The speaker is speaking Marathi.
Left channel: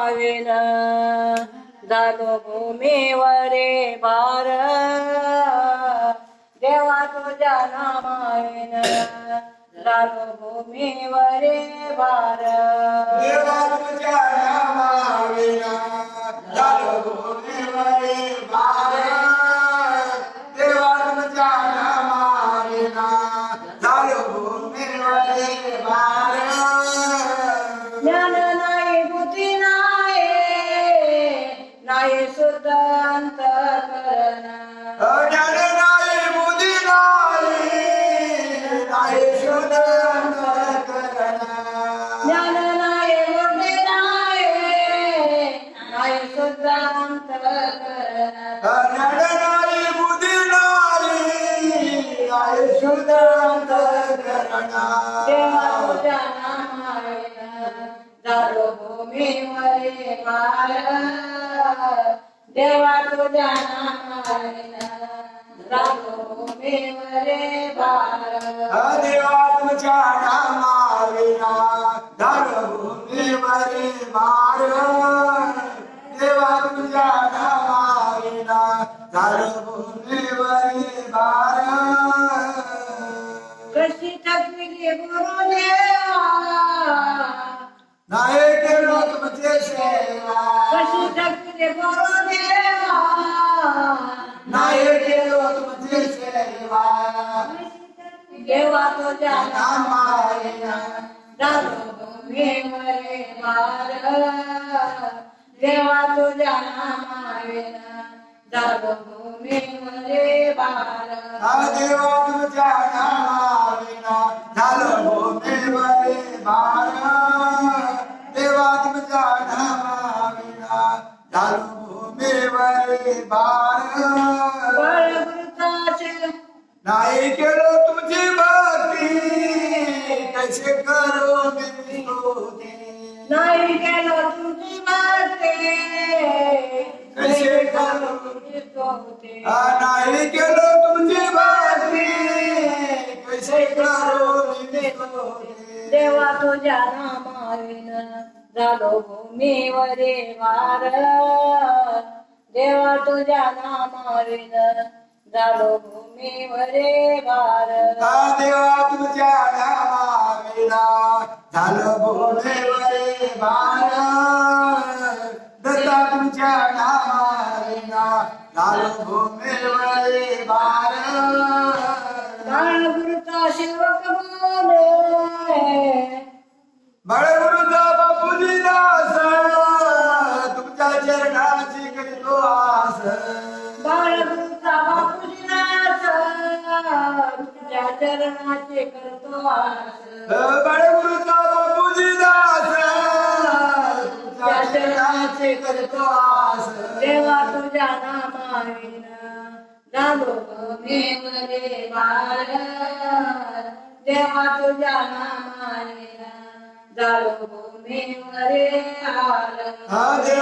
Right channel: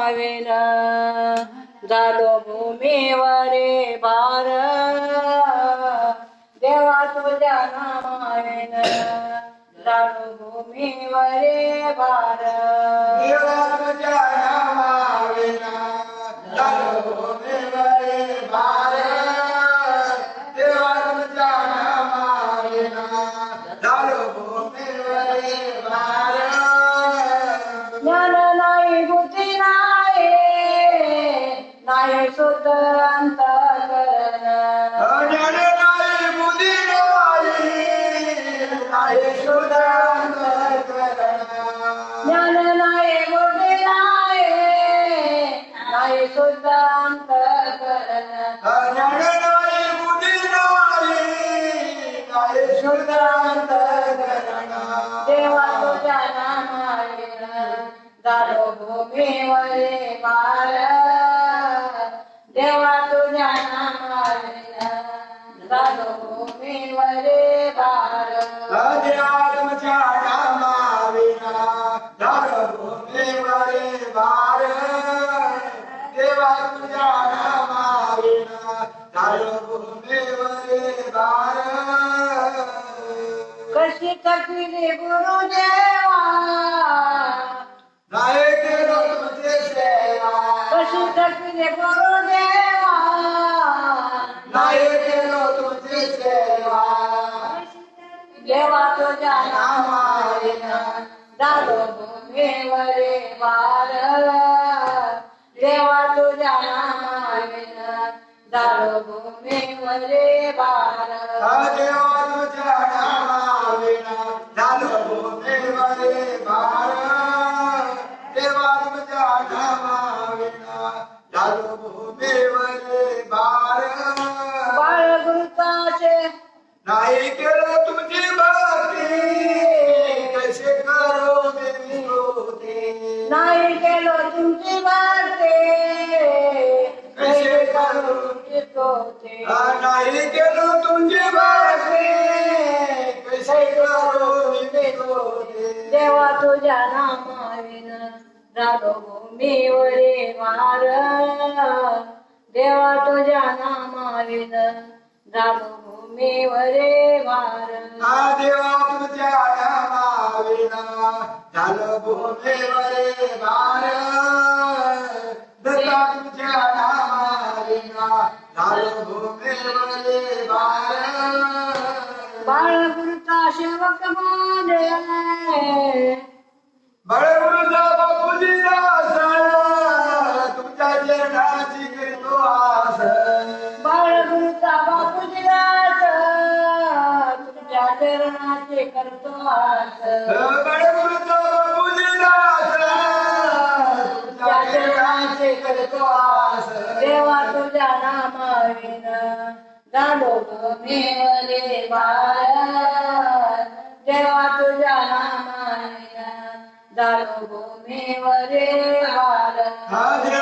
आवेन झालो भूमीवरे भार देवा तुझ्या नामावेन झालो भूमीवरे भार देवा तुझ्या नामाविना झालो भूमीवरी भारत. देवा तुझ्या नामाविना झालो भूमीवरी भारत. ज्ञान अंतकरण ज्ञान नाही, बुद्धी. ज्ञान नाही बुद्धी नाही शुद्ध अंतकरण ज्ञान नाही, बुद्धी नाही, नाही शुद्ध अंतःकरण. देवा तुझ्या नामावेन झालो भूमीवरे पार देवा तुझ्या नामावेन झालो भूमीवरे पार देवा तुझ्या नामाविना झालं भूमीवरी भारत. देवा तुझ्या नामाविना झालं भूमीवरी बार कशी थकविली गुरुदेवा नाही केलं तुमचे सेवा कशी थकविली गुरुदेवा नाही केलं तुमची सेवा देवा तुझ्या नामाविना झालो भूमीवरे वार देवा तुझ्या नामाविना झालो भूमीवरे वार देवा तुझ्या नामाविना झालं भूमीवरी भारत. देवा तुझ्या नामा झालं भूमीवरी भारत. बाळगुरुताचे. नाही केलं तुमची भक्ती. कसे करू मी नाही केलं तुमची वाटे कसे करू नाही केलं तुमची भक्ती. कसे करू मी देवा तुझ्या नामाविन. झालो भूमीवरे वार. देवा तुझ्या नामाविन झालो भूमीवरे वार. देवा तुझ्या नामाविना झालं भूमीवरे भारत दत्ता तुझ्या नामाविना झालं भूमीवरे भारत बाळगुरुचा सेवक बोले करीतो आस बाळगुरुचा बापूजी दास. तुझ्या चरणाचे करतो आस. बळगुरुजा बापूजी दास. तुमच्या चरणाची करीतो आस. देवा तुझ्या नामाविन. झालो भूमीवरे भारत देवा तुझ्या नामाविन. झालो भूमीवरे भारत